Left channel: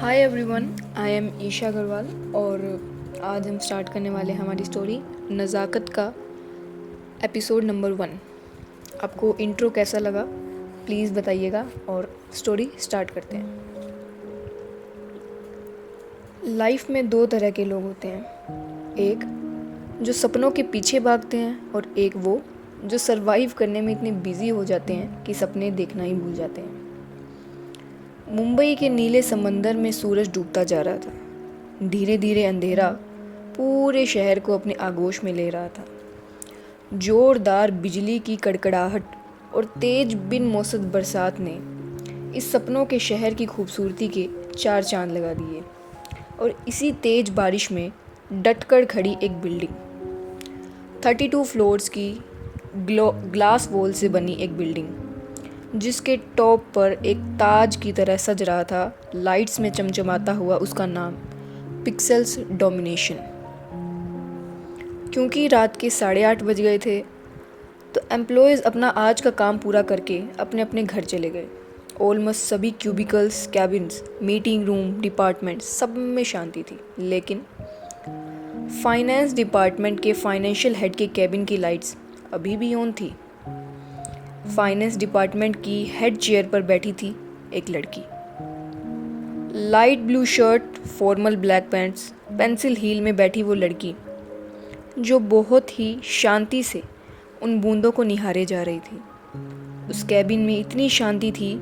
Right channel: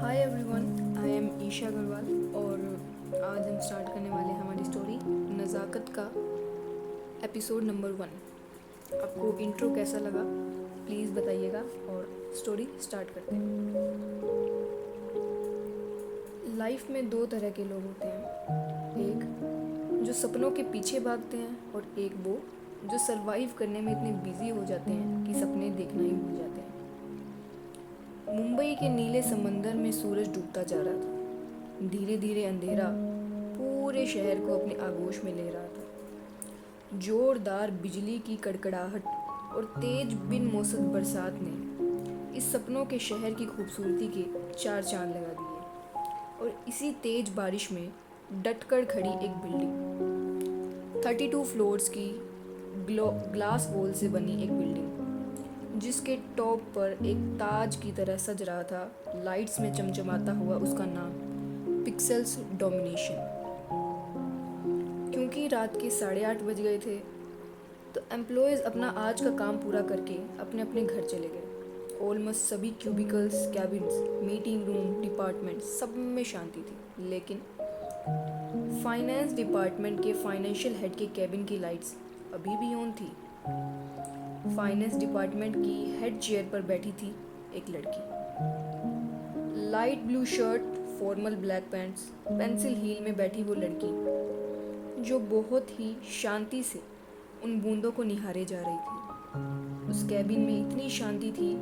Hi everyone, I am Isha Agarwal और आज हम स्टार्ट करने वाले हैं हमारी स्टोरी नज़ाकत का एपिसोड नंबर 1। आपको इंट्रो कैसा लगा प्लीज़ बताइएगा और स्टोरी स्टार्ट करते हैं। लाइफ में दो तरह के लोग होते हैं, एक जो सपनों के पीछे भागते हैं और एक वो जो सरवाइव करने में इतने बिजी हो जाते हैं कि सपने देखना ही भूल जाते हैं। मुंबई के नीले समंदर में सूरज डूबता जा रहा था। धीरे धीरे अंधेरा पूरे शहर को अपने आगोश में ले रहा था। जोरदार बिजली की कड़कड़ाहट और तेज बिन मौसम बरसात ने इस सपनों के शहर की खूबसूरती के चार चांद लगा दिए। और इसी तेज बारिश में डटकर खड़ी एक बिल्डिंग, 32 फ्लोर्स की ग्लास वॉल से बनी एक बिल्डिंग, जिसके टॉप पर एक ताज की तरह सज रहा था लाइट्स में चमचमाता हुआ उसका नाम पिक्सेल्स डोमिनेशन। क्योंकि रात के 8:30 बज गए थे तो एम्प्लॉयज़ अपना आज का काम पूरा करके अपने अपने घर चले गए। ऑलमोस्ट सभी cubicles, cabins, meeting room, department सब में शांति थी, लेकिन फाइनेंस डिपार्टमेंट के फाइनेंशियल हेड के कैबिन की लाइट्स अभी भी ऑन थी। फाइनेंस डिपार्टमेंट की हेड चेयर पर बैठी थी एक लड़की। Light blue shirt, formal black pants, pencil heel में बैठी वो लड़की जो बहुत ही शांति से उन बूंदों को निहारे जा रही थी। उस कैबिन में इतनी शांति थी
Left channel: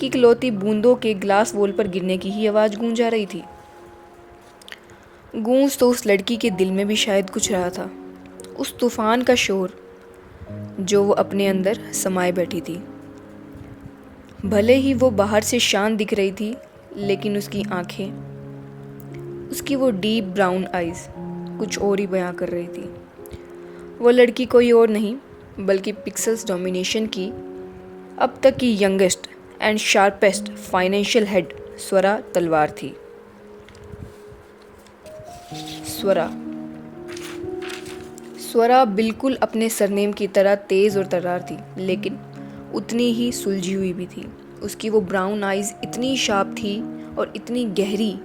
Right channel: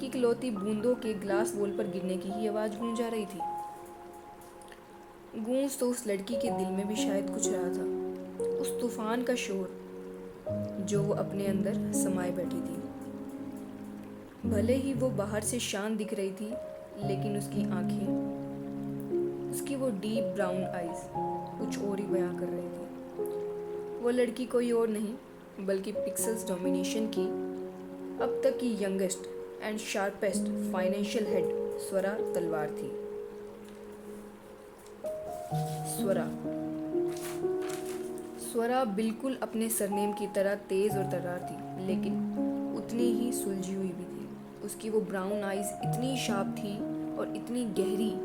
कि इकलौती बूंदों के ग्लास वॉल पर गिरने की ही आवाज़ गूंज आ रही थी। गूंज तो उस लड़की के दिल में भी शायद कुछ रहा था, उस तूफान का शोर जो वो अपने अंदर समाये बैठी थी। भले ही वो बाहर से शांत दिख रही थी, लेकिन उसकी आंखें, उसकी वो डीप ब्राउन आइज़ कुछ और ही बयां कर रही थी। वो लड़की कोई और नहीं बल्कि पिक्सेल्स डोमिनेशन की अब तक की youngest and sharpest financial head Swara Talwar थी। स्वरा बिल्कुल अपने सरनेम की तरह तेज़ और तर्रार थी, लेकिन उतनी ही सुलझी हुई भी थी। उसकी वो ब्राउन आइज़ इतनी शार्प थी और इतनी गहरी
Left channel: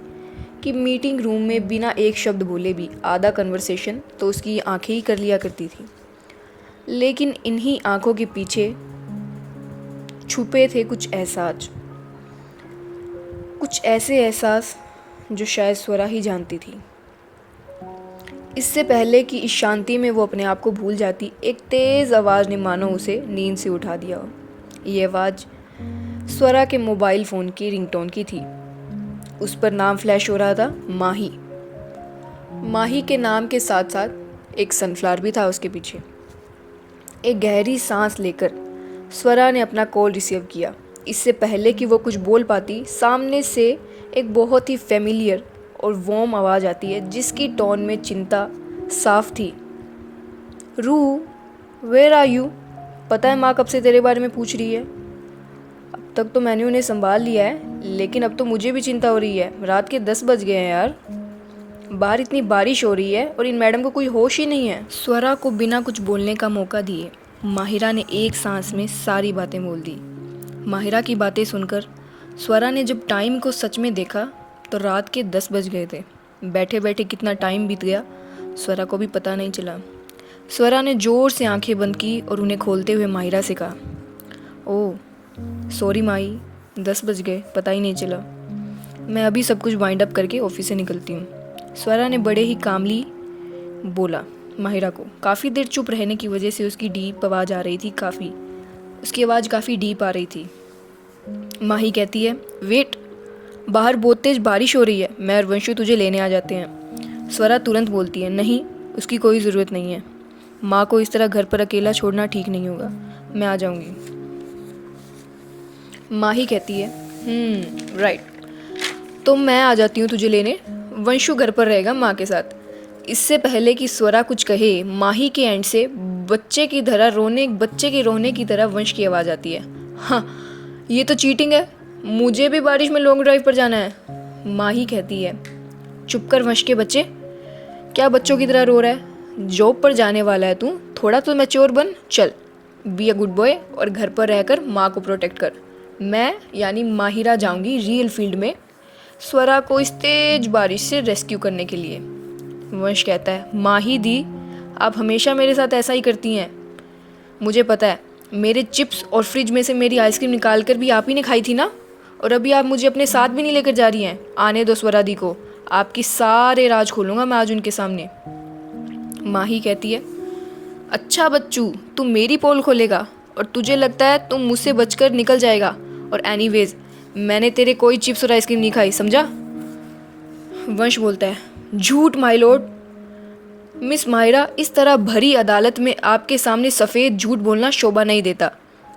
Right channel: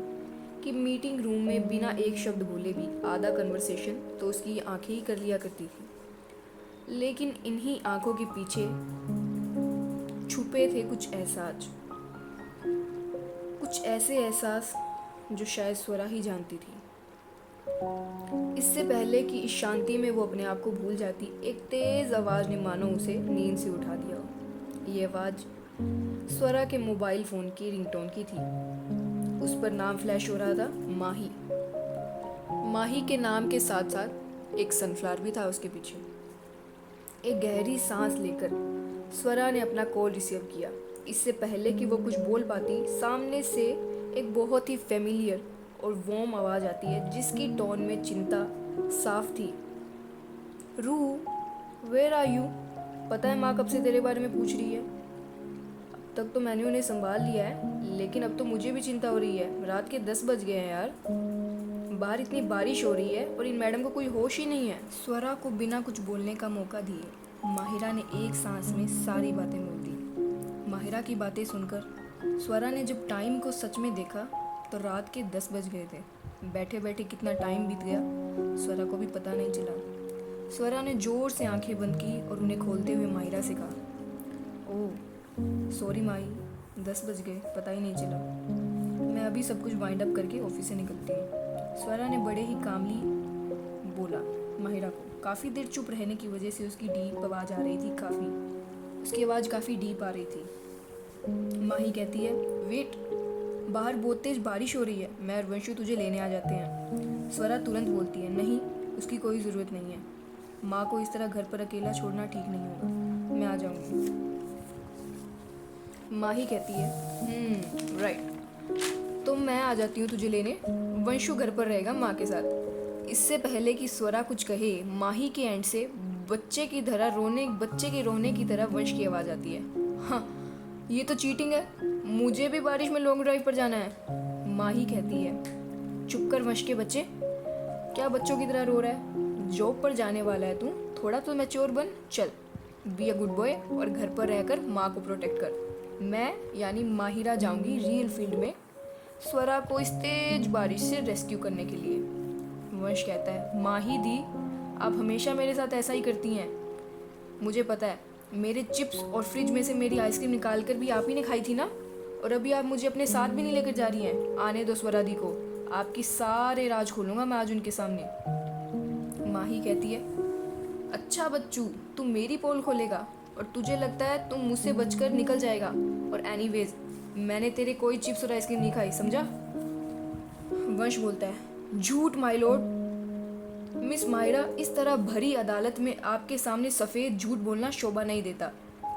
कि मीटिंग रूम में बिना एक शब्द बोले भी आधा कन्वर्सेशन तो उसकी आंखें ही कर लिया करती थी। लेकिन इन्हीं आंखों के पीछे छुपे थे कुछ एहसास, कुछ ऐसे एहसास जो शायद स्वरा ही जानती थी। इससे पहले कि इस शांति में वो अपने आप को भूल जाती, एक तेज़ आवाज़ ने मानो उसे नींद से उठा दिया हो। ये आवाज़ स्वरा के मोबाइल फ़ोन की रिंगटोन की थी। उस पर नाम फ्लैश हो रहा था, माही। माही के नाम के साथ साथ एक सनफ्लावर भी था उसके पीछे। एक गहरी सांस लेकर स्वरा ने अपना कॉल रिसीव किया। इससे पहले कि वो कुछ बोल पाती, सामने से एक बहुत ही फेमिलियर और वार्म आवाज़ आती है जिसकी टोन में चिंता साफ थी। रू, वेयर आर यू? पता है माँ कब से तेरे बारे में पूछ रही है। अब तक तो मैंने उन्हें संभाल लिया है, लेकिन अब तो मुझे भी चिंता हो रही है। रात के 10 बज गए हैं यार। बाहर इतनी बारिश हो रही है और इन मैडम को कोई होश ही नहीं है। स्वरा को बिना कुछ बोलने का मौका दिए माहिरा ने एक सांस में सारी बातें बोल दी। माहिरा की बातें सुनकर स्वरा ने जब टाइम को सच में देखा तो रात के 10 बज गए थे। बैठे बैठे कितना टाइम बीत गया स्वरा को भी पता नहीं चला। स्वरा ने ज़ोर से आंखें बंद की और उन्हें खोलते हुए माहिरा से कहा, ओह सॉरी माही, 10 बज गए, पता ही नहीं चला। मैं अभी सब कुछ वाइंड अप करके ऑफिस से निकलती हूँ। स्वरा ने बड़े ही कामली बोला माहिरा को। काफ़ी देर चुप रहने की वजह से उसकी डीप आवाज़ आ रही थी, उसकी आवाज़ काफ़ी डीप आ रही थी। माही कहती है, वेट, बाहर बहुत तेज बारिश हो रही है, मैं और वंशु तुझे लेने आ जाते हैं। स्वरा तुरंत बोलती है, नहीं, उसकी कोई ज़रूरत नहीं है। माँ को इस तरह घर पर अकेला छोड़ना ठीक नहीं होगा, मैं आ जाऊंगी। माही कहती है, राइट, तो मैं आ जाती हूँ तुझे लेने, वंशु घर पर रहेगा माँ के साथ। इससे पहले कि स्वरा कुछ कहे, माही के एंड से बच्चे के रोने की तरह वंश की आवाज़ आती है, हाँ ये तो चीटिंग है, मुझे भी बारिश में लॉन्ग ड्राइव पर जाना है। माही कहती है, चुप कर वंश के बच्चे, क्या बच्चों की तरह रो रहा है? जॉब पर जाने वाला है तू, थोड़ा तो मैच्योर बन। चल, बी अ गुड बॉय और घर पर रहकर माँ को प्रोटेक्ट कर। मैं यानी माहिरा जाऊंगी रियल फील्ड में स्वरा को इस तेज बारिश से रेस्क्यू करने के लिए। वंश कहता है, माही दी, आप हमेशा मेरे साथ ऐसा ही करती हैं। मुझे पता है, मेरे चिप्स और फ्रिज में से मेरी आइसक्रीम निकाल कर भी आप ही ने खाई थी ना, और अभी आप मुझे अपने साथ भी नहीं लेकर जा रही हैं। आने दो स्वरा दी को, आपकी सारे राज खोलूंगा मैं आज उनके सामने। माही कहती है, अच्छा बच्चू, तू मेरी पोल खोलेगा और तुझे लगता है तुम मुझसे बचकर निकल जाएगा, और एनीवेज मैंने तेरे कोई चिप्स और आइसक्रीम नहीं खाई, समझा। वंश बोलता है, झूठ माय लॉर्ड। मिस मायरा, इस तरह भरी अदालत में आपके सामने सफ़ेद झूठ बोलना शोभा नहीं देता,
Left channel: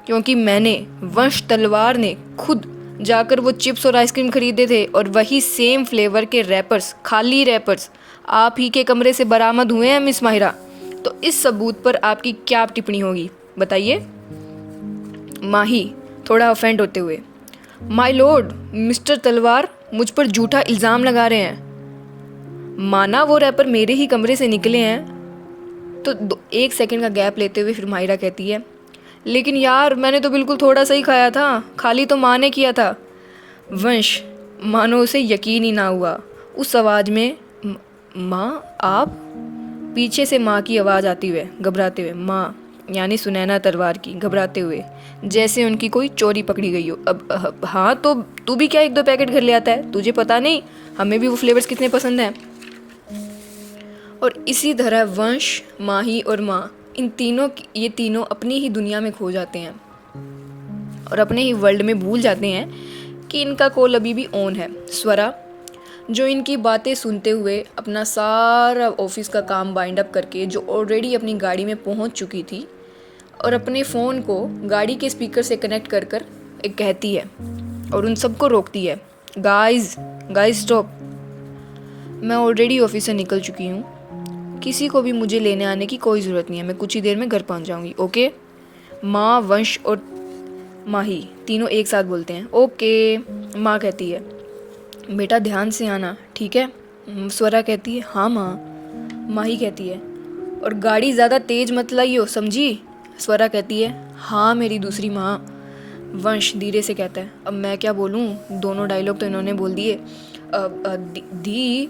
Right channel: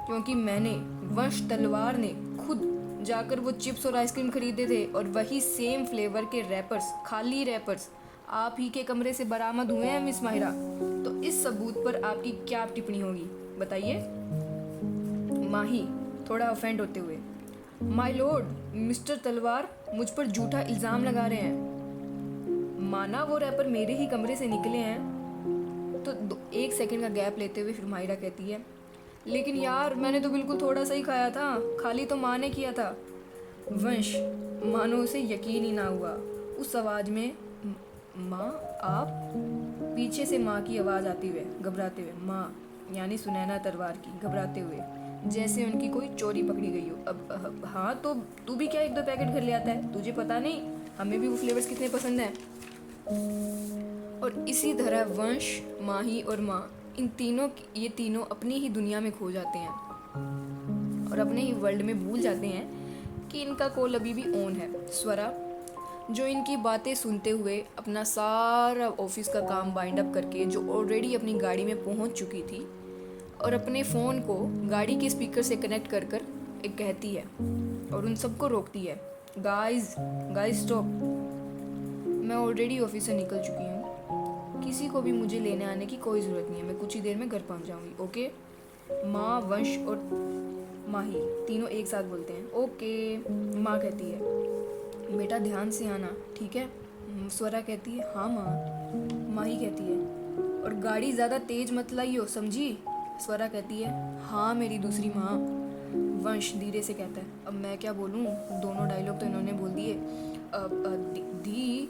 क्योंकि मैंने, वंश तलवार ने, खुद जाकर वो चिप्स और आइसक्रीम खरीदे थे, और वही सेम फ्लेवर के रैपर्स, खाली रैपर्स आप ही के कमरे से बरामद हुए हैं मिस माहिरा। तो इस सबूत पर आपकी क्या टिप्पणी होगी, बताइए। माही थोड़ा ऑफेंड होते हुए, माय लॉर्ड, मिस्टर तलवार मुझ पर झूठा इल्ज़ाम लगा रहे हैं। माना वो रैपर मेरे ही कमरे से निकले हैं, तो 1 सेकंड का गैप लेते हुए फिर माहिरा कहती है, लेकिन यार मैंने तो बिल्कुल थोड़ा सा ही खाया था, खाली तो माँ ने किया था। वंश, मानो उसे यकीन ही ना हुआ। उस आवाज़ में माँ आप, पीछे से माँ की आवाज़ आती हुए घबराते हुए, माँ यानी सुनैना तलवार की, घबराते हुए जैसे उनकी कोई चोरी पकड़ी गई हो। अब हाँ, तो तू भी क्या 1-2 पैकेट घर ले आता है, तुझे पता नहीं हमें भी वो फ्लेवर्स कितने पसंद हैं। और इसी तरह वंश, माही और माँ, ये तीनों अपनी ही दुनिया में खो जाते हैं और अपने ही वर्ल्ड में भूल जाते हैं कि इनका कॉल अभी भी ऑन है। स्वरा, जो इनकी बातें सुनते हुए अपना सारा ऑफिस का काम बाइंड अप करके, जो ऑलरेडी अपनी गाड़ी में पहुंच चुकी थी, और अपने फ़ोन को गाड़ी के स्पीकर से कनेक्ट कर कर एक कहती है और उन सबको रोकती है, गाइस स्टॉप, मैं ऑलरेडी ऑफिस से निकल चुकी हूँ, किसी को भी मुझे लेने आने की कोई ज़रूरत नहीं है, मैं कुछ ही देर में घर पहुँच जाऊँगी, ओके। माँ, वंश और माही तीनों एक साथ बोलते हैं, ओके। माँ कहती है, बेटा ध्यान से आना, ठीक है। स्वरा कहती है, हाँ माँ। माही कहती है, और गाड़ी ज़्यादा तेज़ मत लाइयो, समझी। स्वरा कहती है, हाँ मेरी दूसरी माँ। वंश धीरे से कहता है, अब मैं क्या बोलूँ, दोनों डायलॉग तो इन्होंने बोल दिए। दी।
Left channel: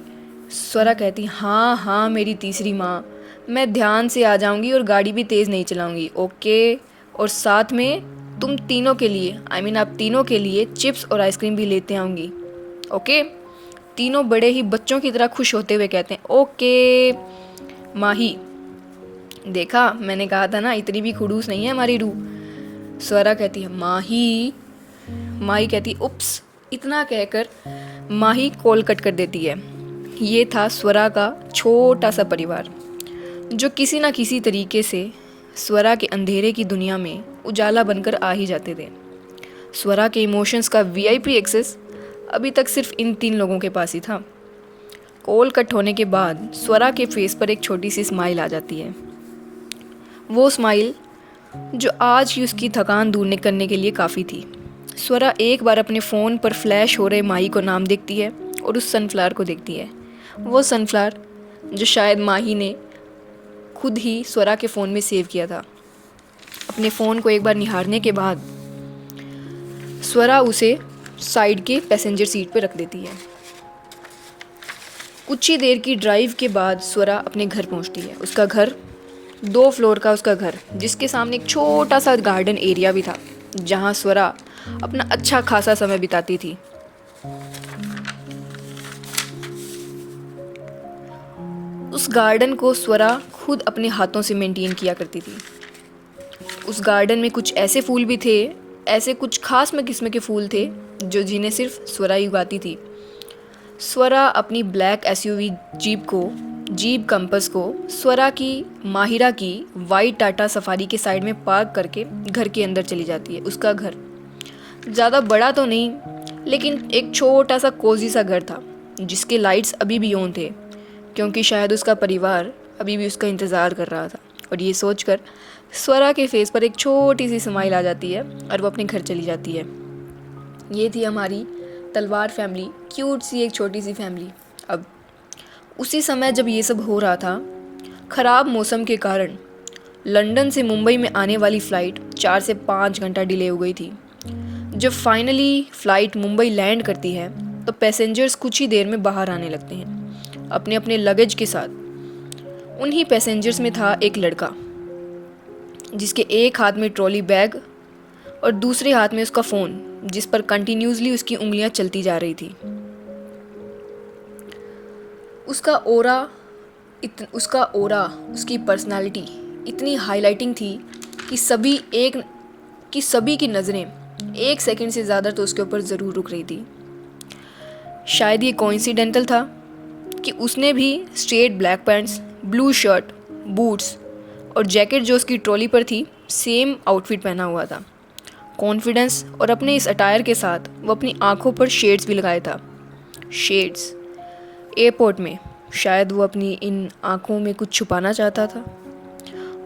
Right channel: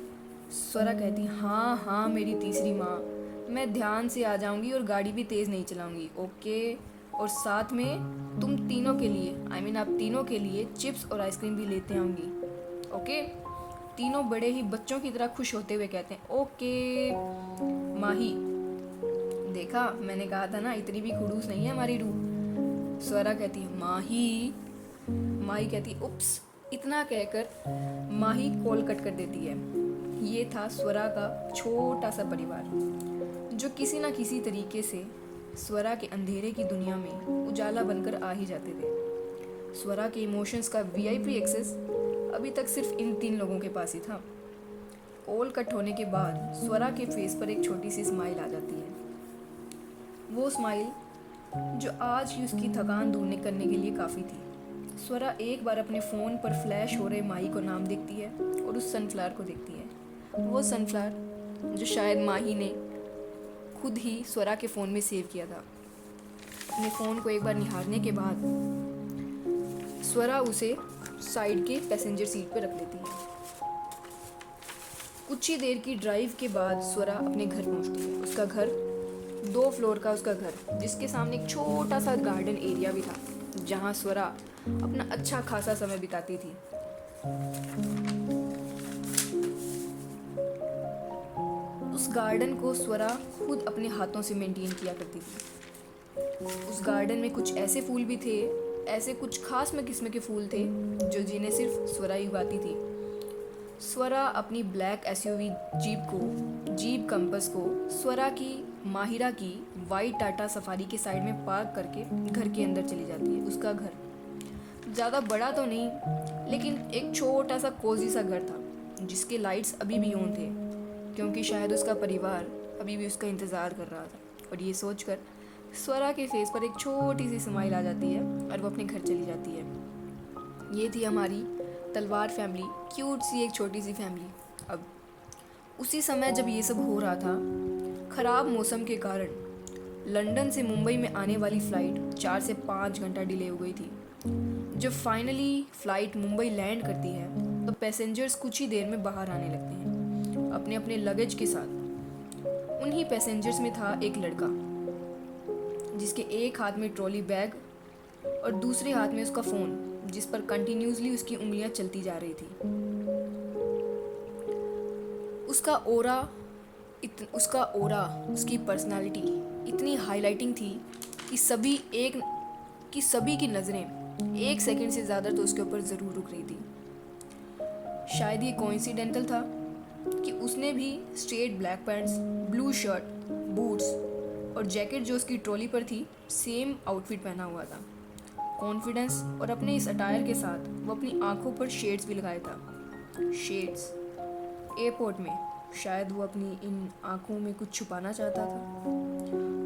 स्वरा कहती, हाँ हाँ मेरी तीसरी माँ, मैं ध्यान से आ जाऊँगी और गाड़ी भी तेज़ नहीं चलाऊँगी, ओके। और साथ में तुम तीनों के लिए, आप तीनों के लिए चिप्स और आइसक्रीम भी लेते आऊँगी, ओके। तीनों बड़े ही बच्चों की तरह खुश होते हुए कहते हैं, ओके। माही, देखा मैंने कहा था ना, इतनी भी खुड़ूस नहीं है हमारी रूह। स्वरा कहती है, माही। माही कहती है, उप्स। इतना कहकर माही कॉल कट कर देती है। ये था स्वरा का छोटा सा परिवार, जो किसी ना किसी तरीके से स्वरा के अंधेरे की दुनिया में उजाला बनकर आ ही जाते थे। स्वरा के इमोशंस का VIP एक्सेस अभी तक सिर्फ इन 3 लोगों के पास ही था। कॉल कट होने के बाद स्वरा के फेस पर एक छोटी सी स्माइल आ जाती है। वो स्माइल जो आज ही उसकी थकान दूर करने के लिए काफ़ी थी। स्वरा एक बार अपने फ़ोन पर फ्लैश हो रहे माही को नाम देखती है और उस सनफ्लावर को देखती है। वो सनफ्लावर जो शायद माही ने खुद ही स्वरा के फ़ोन में सेव किया था। अपने फ़ोन को एक बार निहारने के बाद स्वरा उसे साइड के पैसेंजर सीट पर रख देती है। कुछ ही देर की ड्राइव के बाद स्वरा अपने घर पहुंचती है। उसका घर 2 फ्लोर का उसका घर, जिसके सामने एक छोटा सा गार्डन एरिया भी था, जहां स्वरा अपना अच्छा खासा समय बिताती थी। उस गार्डन को स्वरा खुद अपने हाथों से मेंटेन किया करती थी। उस गार्डन में कुछ ऐसे फूल भी थे, ऐसे कुछ खास किस्म के फूल थे जो जिन्हें सिर्फ स्वरा ही उगाती थी। स्वरा अपनी ब्लैक SUV जीप कंपस को स्वरा की माहिरा की वाइट टाटा सफारी के साइड में पार्क करके घर के अंदर चली जाती है। उसका घर ज़्यादा बड़ा तो नहीं, लेकिन एक छोटा सा कोजी सा घर था, जिसके लाइट्स अभी भी ऑन थे, क्योंकि शायद उसका परिवार अभी भी उसका इंतज़ार कर रहा था। और ये सोचकर स्वरा के फेस पर एक छोटी सी स्माइल आ जाती है और वो अपने घर चली जाती है। ये थी हमारी तलवार फैमिली, क्यूट सी एक छोटी सी फैमिली। अब उसी समय जब ये सब हो रहा था, ख़राब मौसम के कारण लंदन से मुंबई में आने वाली फ़्लाइट 4 से 5 घंटा डिले हो गई थी। जब फाइनली फ़्लाइट मुंबई लैंड करती है, तो पैसेंजर्स कुछ ही देर में बाहर आने लगते हैं अपने अपने लगेज के साथ। उन्हीं पैसेंजर्स में था एक लड़का जिसके एक हाथ में ट्रॉली बैग और दूसरे हाथ में उसका फ़ोन, जिस पर कंटिन्यूसली उसकी उंगलियां चलती जा रही थी। उसका ओरा, उसकी पर्सनालिटी इतनी हाईलाइटिंग थी कि सभी की नज़रें 1 सेकंड से ज़्यादा तो उसके ऊपर ज़रूर रुक रही थी। शायद ये कोइंसिडेंटल था कि उसने भी straight black pants, blue shirt, boots और जैकेट जो उसकी ट्रॉली पर थी सेम आउटफिट पहना हुआ था। कॉन्फिडेंस और अपने इस अटायर के साथ वो अपनी आंखों पर शेड्स भी लगाया था। शेड्स एयरपोर्ट में शायद वो अपनी इन आंखों में कुछ छुपाना चाहता था।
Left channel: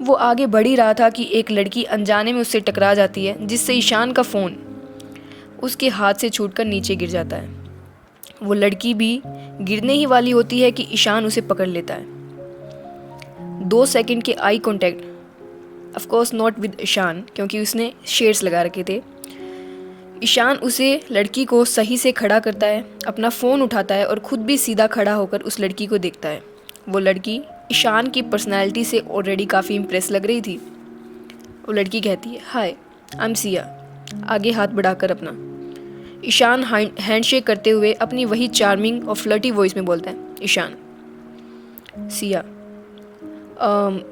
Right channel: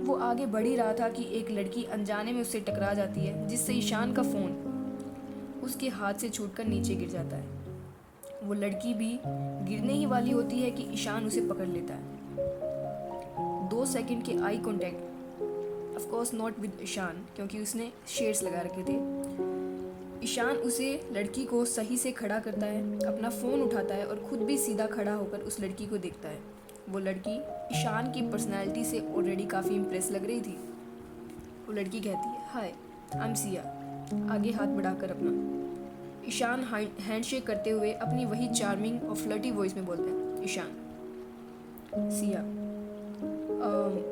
वो आगे बढ़ ही रहा था कि एक लड़की अनजाने में उससे टकरा जाती है, जिससे ईशान का फ़ोन उसके हाथ से छूटकर नीचे गिर जाता है। वो लड़की भी गिरने ही वाली होती है कि ईशान उसे पकड़ लेता है। 2 सेकंड के eye contact, of course not with Ishaan क्योंकि उसने शेड्स लगा रखे थे। ईशान उसे लड़की को सही से खड़ा करता है, अपना फ़ोन उठाता है और ख़ुद भी सीधा खड़ा होकर उस लड़की को देखता है। वो लड़की ईशान की पर्सनैलिटी से ऑलरेडी काफ़ी इम्प्रेस लग रही थी। वो लड़की कहती है, हाय आई एम सिया, आगे हाथ बढ़ाकर अपना। ईशान हैंडशेक करते हुए अपनी वही चार्मिंग और फ्लर्टी वॉइस में बोलता है, ईशान। सिया,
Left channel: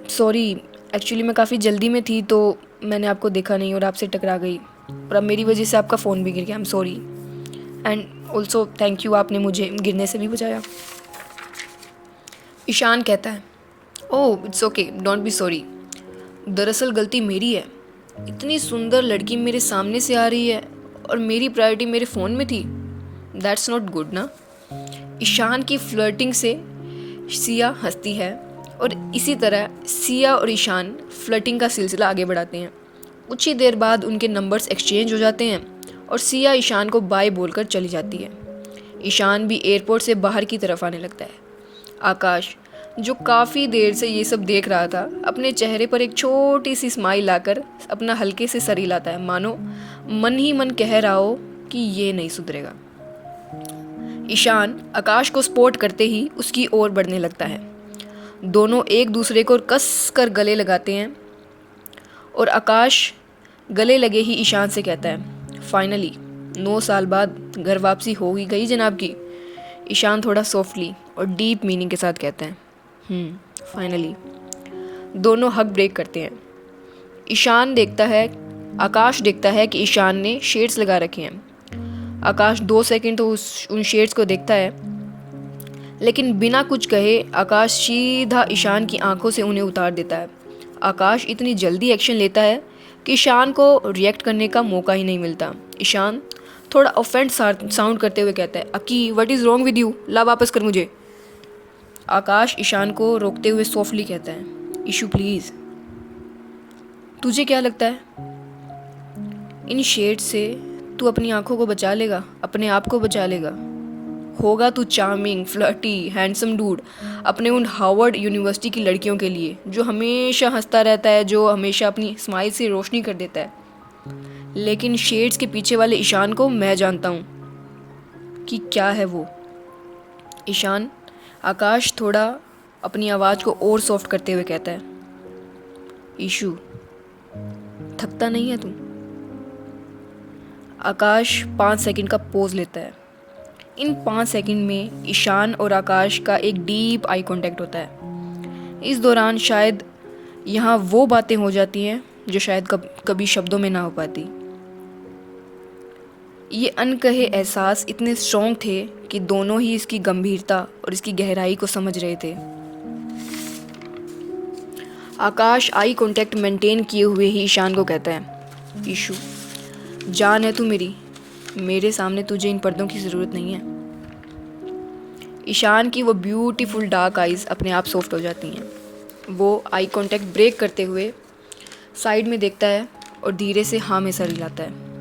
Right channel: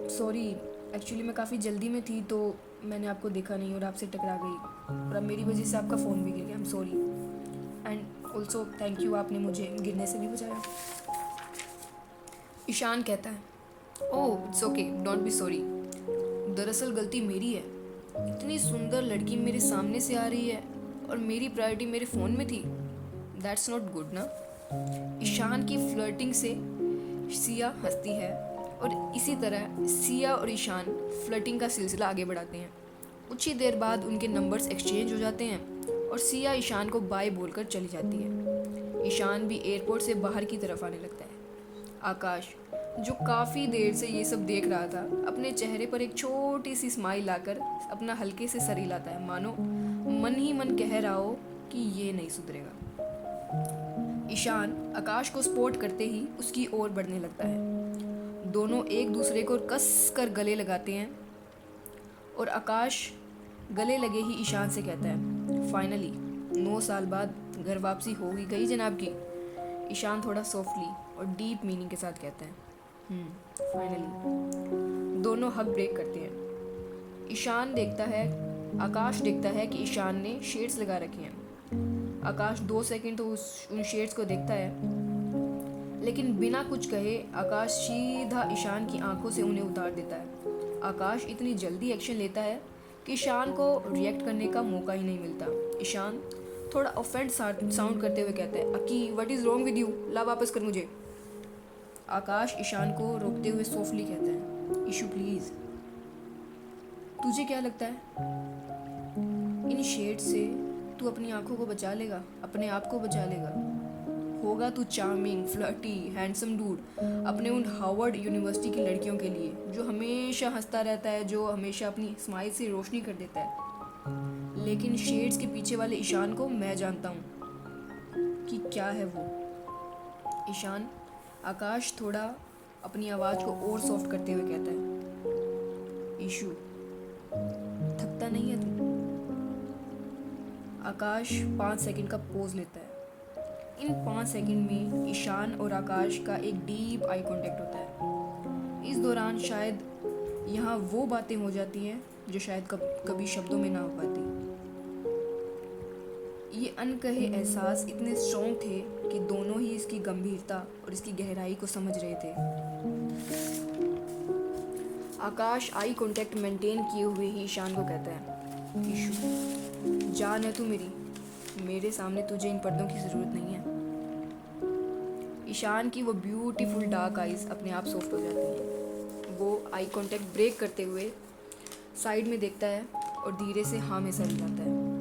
सॉरी एक्चुअली मैं काफ़ी जल्दी में थी तो मैंने आपको देखा नहीं और आपसे टकरा गई और अब मेरी वजह से आपका फ़ोन भी गिर गया, I am sorry and also thank you, आपने मुझे गिरने से भी बचाया। ईशान कहता है, oh it's okay, don't be sorry, दरअसल गलती मेरी है। इतनी सुंदर लड़की मेरे सामने से आ रही है और मेरी प्रायोरिटी मेरे फ़ोन में थी, दैट्स नॉट गुड ना। ईशान की फ्लर्टिंग से सिया हंसती है और इसी तरह सिया और ईशान फ्लर्टिंग का सिलसिला आगे बढ़ाते हैं। कुछ ही देर बाद उनके नंबर्स एक्सचेंज हो जाते हैं और सिया ईशान को बाय बोलकर चली जाती है। ईशान भी एयरपोर्ट से बाहर की तरफ आने लगता है। आकाश, जो काफ़ी देर से ये सब देख रहा था, अपने चेहरे पर एक छोटी सी स्माइल लाकर अपना हल्के से सर हिलाता है, मानो मन ही मन कह रहा हो कि ये नहीं सुधरेगा। ईशान आकाश को स्पॉट करते ही उसकी ओर बढ़ने लगता है। दोनों एक दूसरे को कस कर गले लगाते हैं और आकाश गले लगे ही ईशान से कहता है, फाइनली 9 साल बाद घर वापसी हो ही गई जनाब की। ईशान थोड़ा सॉफ्टली और डीप मीनिंग के साथ कहता है, फाइनली। दोनों हक ब्रेक करते हैं। आकाश देखता है कि ईशान ने शेड्स लगा रखे हैं। आकाश 2 सेकंड तो उन शेड्स को देखता है, लेकिन बिना कुछ कहे आकाश सीधा ईशान की आंखों से उन्हें उतार देता है। आकाश इतनी जल्दी एक्शन लेता है कि ईशान को रिएक्ट करने का मौका ही नहीं मिलता। ईशान थोड़ा ऑफेंड साउंड करते हुए कहता है, अकी what is wrong with you, ला वापस कर मुझे। आकाश ईशान को रोकते हुए सॉफ्टली कहता है, ईशू प्लीज़, तुझे क्या लगता है इन शेड से तू अपनी आंखों को बचा लेगा, अपने आप को बचा लेगा? होगा तू चार्मिंग, फ्लर्टी, हैंडसम डूड अपने उन हार्वर्ड यूनिवर्सिटी की लड़कियों के लिए, जो हमेशा हंसता रहता है, जो हमेशा अपनी स्माइल से रोशनी कर देता है। लेकिन शेड्स के पीछे वाले ईशान को मैं जानता हूँ कि क्या है वो। ईशान, आकाश थोड़ा अपनी आवाज़ को और सॉफ्ट करते हुए कहता है, ईशू थकता नहीं है तू? आकाश 5 सेकंड का पोज लेता है। इन 5 सेकंड में ईशान और आकाश का एक डीप आई कांटेक्ट होता है। इस दौरान शायद यहाँ वो बातें हो जाती हैं जो शायद कभी शब्दों में ना हो पाती। ये अनकहे एहसास इतने स्ट्रॉन्ग थे कि दोनों ही इसकी गंभीरता और इसकी गहराई को समझ रहे थे। आकाश आई कांटेक्ट मेंटेन किए हुए ही ईशान को कहता है, ईशू जान है तू मेरी, मेरे सामने तुझे इन पर्दों की ज़रूरत नहीं है। ईशान की वो ब्यूटीफुल डार्क आइज़ अपने आप सॉफ्ट हो जाती हैं। वो आई कांटेक्ट ब्रेक करते हुए साइड में देखता है और धीरे से हाँ में सर हिलाता है।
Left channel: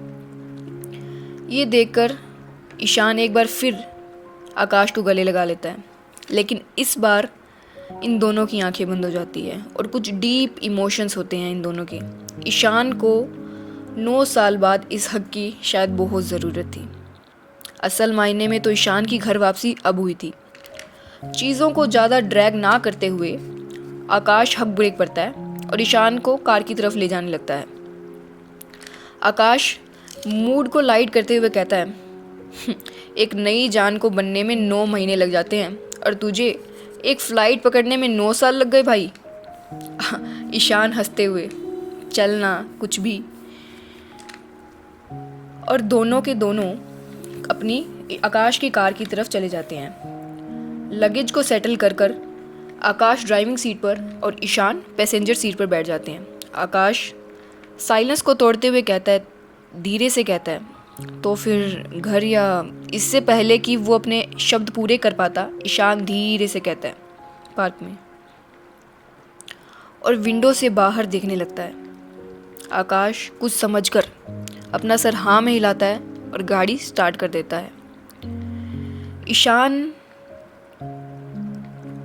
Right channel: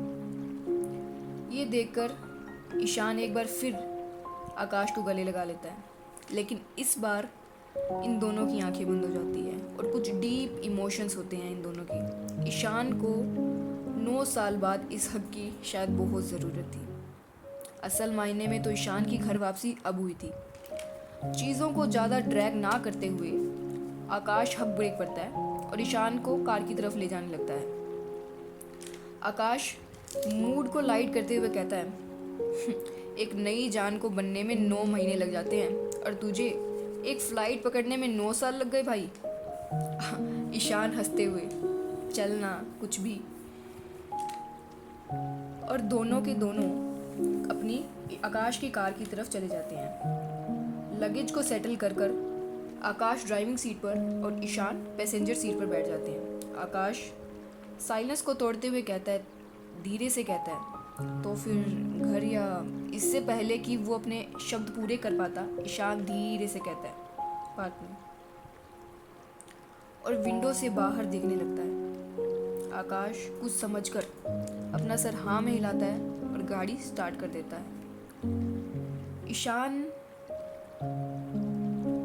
ये देखकर ईशान एक बार फिर आकाश को गले लगा लेता है, लेकिन इस बार इन दोनों की आंखें बंद हो जाती है और कुछ डीप इमोशंस होते हैं इन दोनों के। ईशान को 9 साल बाद इस हक की शायद बहुत ज़रूरत थी। असल मायने में तो ईशान की घर वापसी अब हुई थी। चीज़ों को ज़्यादा ड्रैग ना करते हुए आकाश हक ब्रेक करता है और ईशान को कार की तरफ ले जाने लगता है। आकाश मूड को लाइट करते हुए कहता है, एक नई जान को बनने में 9 महीने लग जाते हैं और तुझे एक फ़्लाइट पकड़ने में 9 साल लग गए भाई। ईशान हंसते हुए, चलना कुछ भी। और दोनों के दोनों अपनी आकाश की कार की तरफ चले जाते हैं। लगेज को सेटल कर कर आकाश ड्राइविंग सीट पर और ईशान पैसेंजर सीट पर बैठ जाते हैं। आकाश साइलेंस को तोड़ते हुए कहता है, धीरे से कहता है, तो फिर घर, या इससे पहले कि वो अपने शब्द पूरे कर पाता, ईशान धीरे से कहता है, पार्क में, और विंडो से बाहर देखने लगता है। आकाश कुछ समझकर अपना सर हाँ में हिलाता है और गाड़ी स्टार्ट कर देता है। ईशान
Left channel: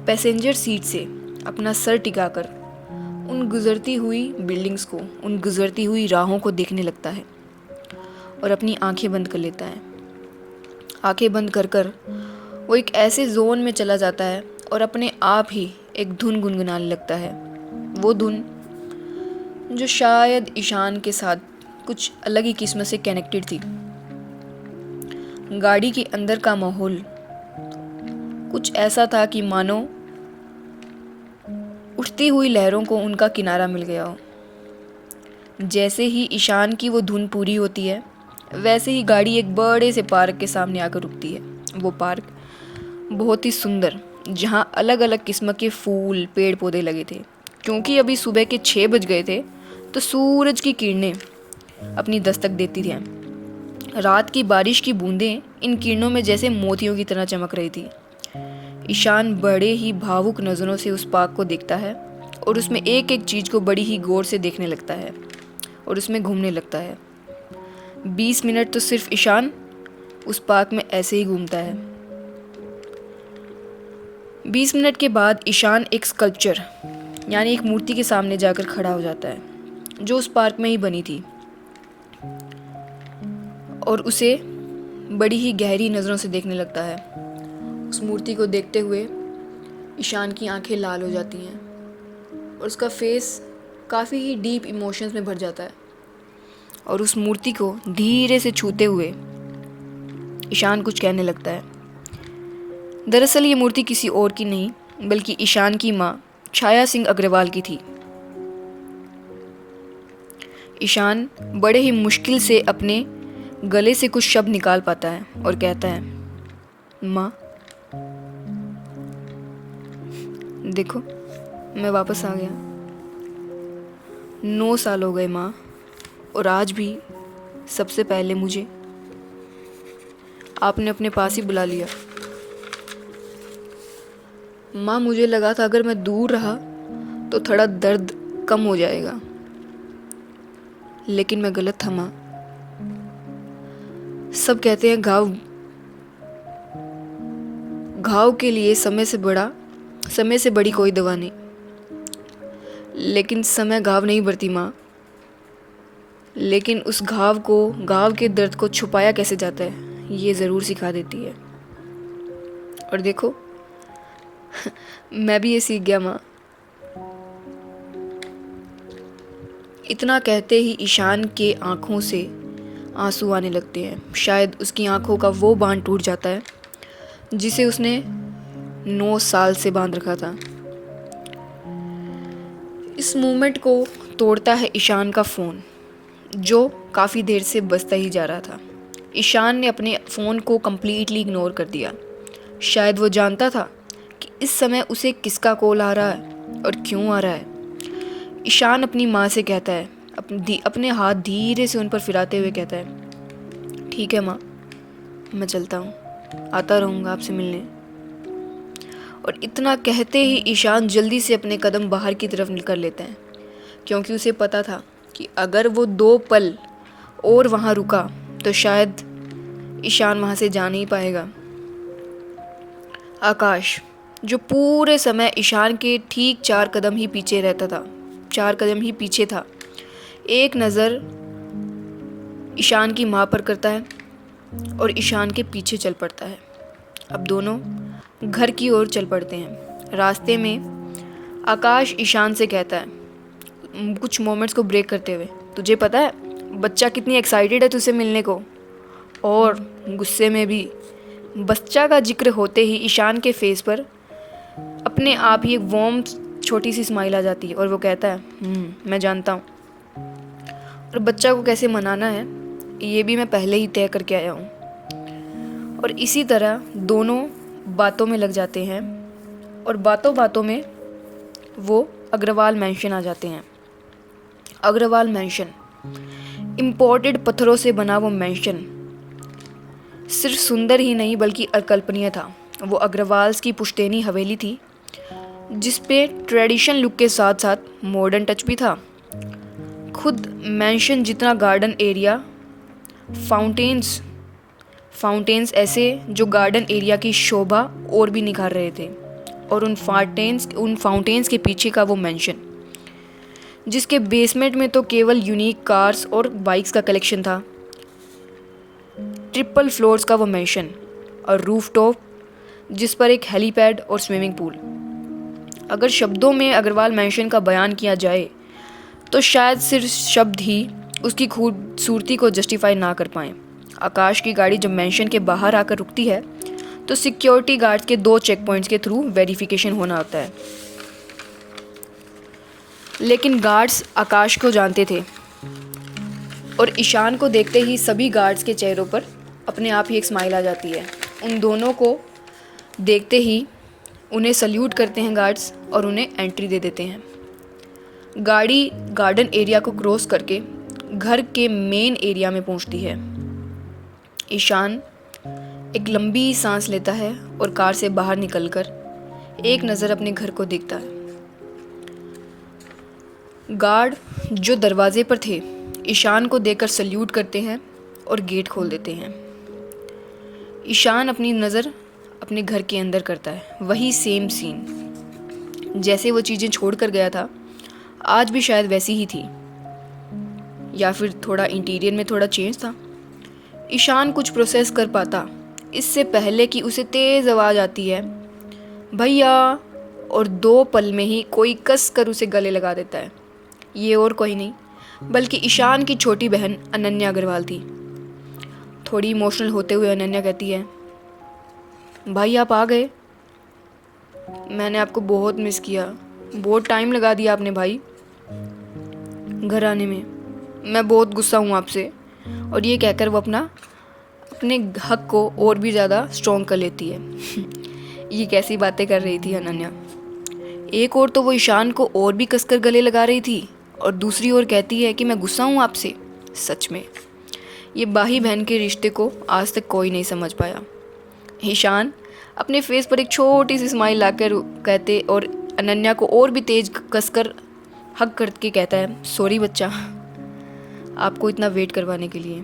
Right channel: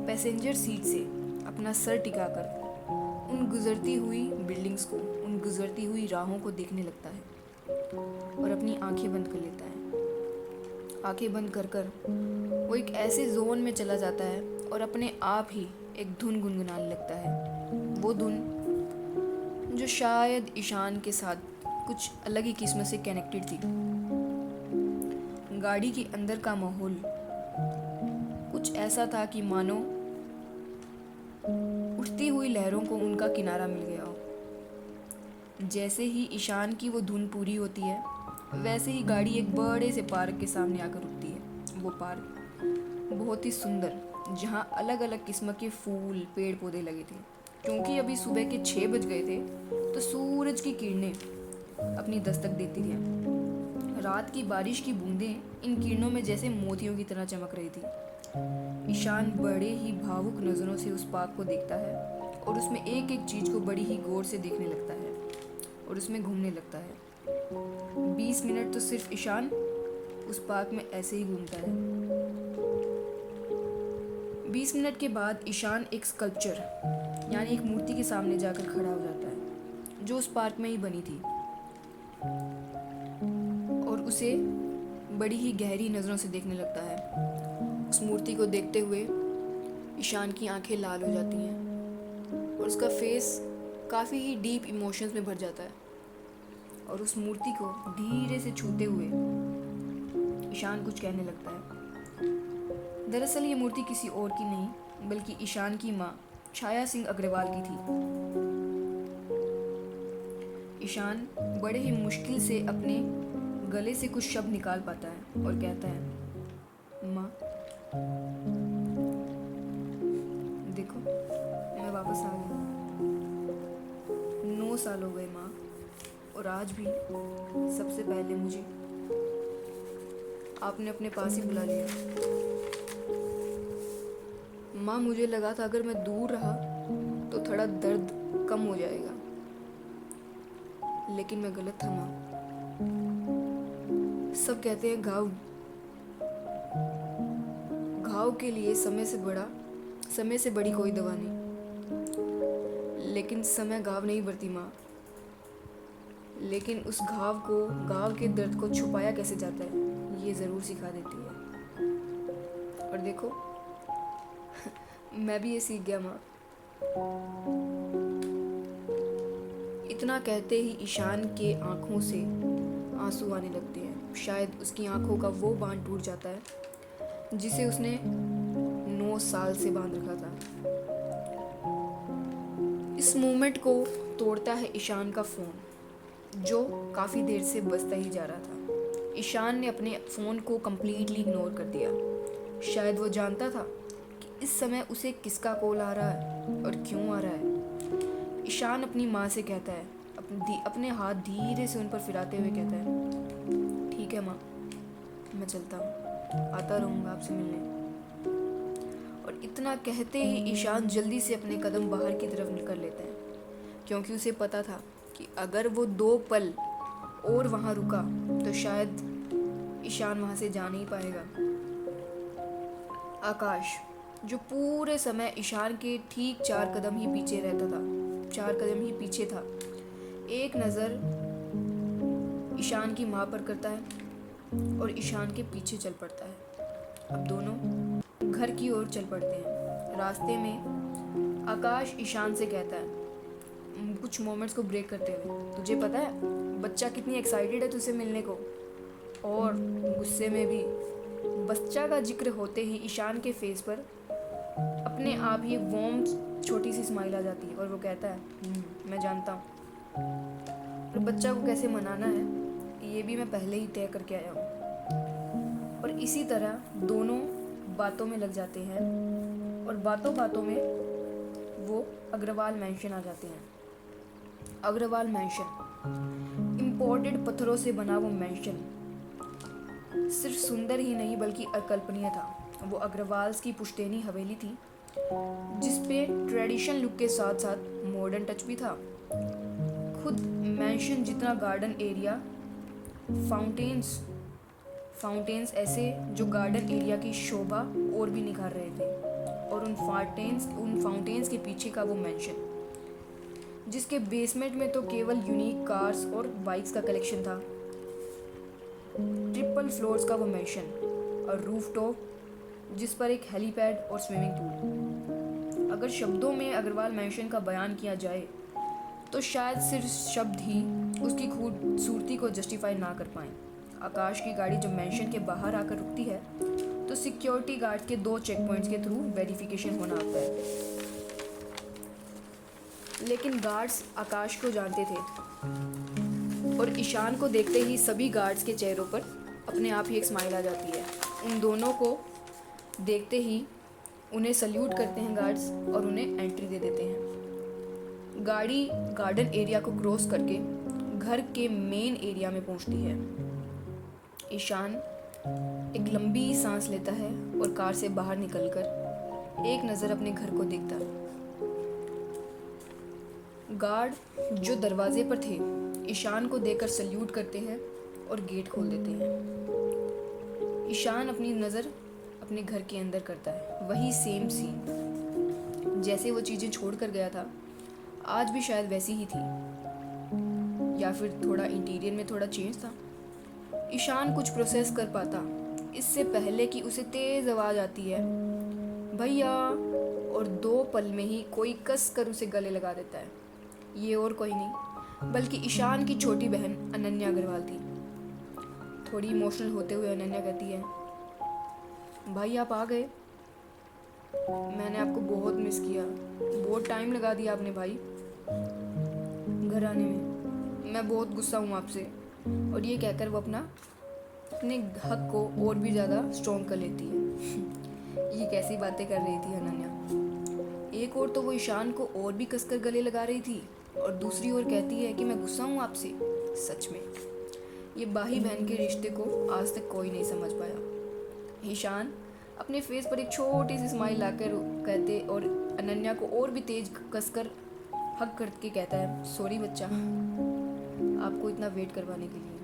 पैसेंजर सीट से अपना सर टिकाकर उन गुजरती हुई बिल्डिंग्स को, उन गुजरती हुई राहों को देखने लगता है और अपनी आंखें बंद कर लेता है। आंखें बंद कर कर वो एक ऐसे जोन में चला जाता है और अपने आप ही एक धुन गुनगुनाने लगता है। वो धुन जो शायद ईशान के साथ कुछ अलग ही किस्म से कनेक्टेड थी। गाड़ी के अंदर का माहौल कुछ ऐसा था कि मानो उठती हुई लहरों को उनका किनारा मिल गया हो। जैसे ही ईशान की वो धुन पूरी होती है, वैसे ही गाड़ी एक बड़े से पार्क के सामने आकर रुकती है। वो पार्क बहुत ही सुंदर, जहाँ अलग अलग किस्म के फूल, पेड़ पौधे लगे थे। क्योंकि अभी सुबह के 6 बज गए थे, तो सूरज की किरणें अपनी दस्तक देती थी। रात की बारिश की बूंदें इन किरणों में जैसे मोतियों की तरह चमक रही थी। ईशान बड़े ही भावुक नज़रों से उस पार्क को देखता है और उसमें एक एक चीज़ को बड़ी ही गौर से देखने लगता है और उसमें घूमने लगता है। 20 मिनट तो सिर्फ ईशान उस पार्क में ऐसे ही घूमता है। 20 मिनट के बाद ईशान एक स्कल्पचर यानी एक मूर्ति के सामने जाकर खड़ा हो जाता है, जो उस पार्क में ही बनी थी, और उसे बड़ी ही गहरी नज़रों से देखने लगता है। उस मूर्ति को देखते हुए ईशान की आंखें लाल हो जाती हैं और उसका फेस काफ़ी ही डीप इमोशंस में भर जाता है। और उस मूर्ति को धीरे से छूते हुए ईशान कुछ कहने लगता है। दरअसल ये मूर्ति किसी और की नहीं, बल्कि ईशान की माँ छाया सिंह अग्रवाल की थी। ईशान बड़े ही मुश्किल से अपने गले से कुछ शब्द निकाल पाता है और कहता है, माँ, देखो मैं वापस आ गया। 9 साल हो गए माँ, और आज भी सबसे पहले मुझे आपने अपने पास ही बुला लिया। माँ, मुझे लगा था अगर मैं दूर रहा तो थोड़ा दर्द कम हो जाएगा, लेकिन मैं गलत था माँ। सब कहते हैं घाव के लिए समय से बड़ी कोई दवा नहीं, लेकिन समय घाव नहीं भरती माँ। लेकिन उस घाव के दर्द को छुपाया कैसे जाता है, ये ज़रूर सिखा देती है। और देखो मैं भी ये सीख गया माँ। इतना कहते ही ईशान के आंखों से आंसू आने लगते हैं। शायद उसकी आंखों का वो बांध टूट जाता है जिसे उसने 9 साल से बांध रखा था। इस मोमेंट को तोड़ता है ईशान का फ़ोन, जो काफ़ी देर से बजता ही जा रहा था। ईशान ने अपने फ़ोन को कम्प्लीटली इग्नोर कर दिया। शायद वो जानता था कि इस समय उसे किसका कॉल आ रहा है और क्यों आ रहा है। ईशान अपनी माँ से कहता है, अपने हाथ धीरे से उन पर फिराते हुए कहता है, ठीक है माँ, मैं चलता हूँ, आता रहूँगा आपसे मिलने। और इतना कहते ही ईशान जल्दी से अपने कदम बाहर की तरफ निकल लेते हैं, क्योंकि उसे पता था कि अगर वो 2 पल और वहाँ रुका तो शायद ईशान वहाँ से जा नहीं पाएगा। आकाश, जो पूरे समय ईशान के ठीक 4 कदम ही पीछे रहता था, 4 कदम ही पीछे था, एक नज़र ईशान की माँ पर करता है और ईशान के पीछे चल पड़ता है। अब दोनों घर की ओर चल पड़ते हैं। रास्ते में आकाश ईशान से कहता है कुछ मोमेंट्स को ब्रेक करते हुए, तुझे पता है बच्चा कितनी एक्साइटेड है तुझसे मिलने को। और गुस्से में भी बच्चा का जिक्र होते ही ईशान के फेस पर अपने आप ही एक वार्म छोटी सी स्माइल आ जाती है और वो कहता है मैं जानता हूँ, और बच्चा को कैसे मनाना है ये भी मैं पहले ही तय करके आया हूँ। और इसी तरह दोनों बातों में लग जाते हैं और बातों बातों में वो अग्रवाल मैंशन आ जाते हैं। अग्रवाल मैंशन इम्पोर्टेड पत्थरों से बना वो मैंशन सिर्फ सुंदर ही नहीं बल्कि अकल्पनीय था। वो अग्रवाल्स की पुश्तैनी हवेली थी जिस पे ट्रेडिशन लुक के साथ साथ मॉडर्न टच भी था। खुद मैंशन जितना गार्डन एरिया, फाउंटेन्स ऐसे जो गार्डन एरिया की शोभा और भी निखार रहे थे। और उन फाउंटेन्स के पीछे का वो मैंशन जिसके बेसमेंट में तो केवल यूनिक कार्स और बाइक्स का कलेक्शन था, ट्रिपल फ्लोर्स का वो मैंशन और रूफटॉप जिस पर एक हेलीपैड और स्विमिंग पूल। अगर शब्दों में अग्रवाल मैंशन का बयान किया जाए तो शायद सिर्फ शब्द ही उसकी खूबसूरती को जस्टिफाई ना कर पाएँ। आकाश की गाड़ी जब मैंशन के बाहर आकर रुकती है तो सिक्योरिटी गार्ड्स के 2 चेक पॉइंट्स के थ्रू वेरिफिकेशन होना होता है, लेकिन गार्ड्स आकाश को जानते थे और ईशान को देखते ही सभी गार्ड्स के चेहरों पर अपने आप ही एक स्माइल आ जाती है। उन दोनों को देखते ही उन्हें सल्यूट करते हैं गार्ड्स और उन्हें एंट्री दे देते हैं। गाड़ी गार्डन एरिया को क्रॉस करके घर के मेन एरिया में पहुंचती है। ईशान एक लंबी सांस लेता है और कार से बाहर निकलकर एक नज़र अपने घर को देखता है। गार्ड जो दरवाजे पर थे ईशान को देखकर सल्यूट करते हैं और गेट खोल देते हैं। ईशान अपनी नज़र अपने घर के अंदर करता है। वही सेम सीन, जैसे वो चीज़ें छोड़ कर गया था आज भी शायद वैसी ही थी, या फिर थोड़ा इंटीरियर में थोड़ा चेंज था। ईशान कुछ प्रोसेस कर पाता इससे पहले कि उसे तेज़ आवाज़ आती है भैया, और 2 पल में ही कोई कस कर उसे गले लगा देता है। ये और कोई नहीं बल्कि ईशान की छोटी बहन अनन्या अग्रवाल थी। थोड़ी इमोशनल होते हुए अनन्या कहती है भाई आप आ गए, मैंने आपको बहुत मिस किया, बहुत टाइम लगा दिया आपने भाई घर आने में, मैं बहुत गुस्सा हूँ आपसे। और ये कहकर वो अपने हक को और भी ज़्यादा स्ट्रॉन्ग कर लेती है। ये कैसी बातें कर रही थी अनन्या। एक और तो वो ईशान को और भी कसकर गले लगा रही थी और दूसरी ओर कहती है कि मैं गुस्सा हूँ आपसे। सच में ये भाई बहन के रिश्ते को आज तक कोई नहीं समझ पाया। ईशान अपने फेस पर एक छोटी सी स्माइल लाकर कहते और अनन्या को और भी तेज कसकर हक करके कहता है सॉरी बच्चा, आपको इतना वेट करवाने के लिए।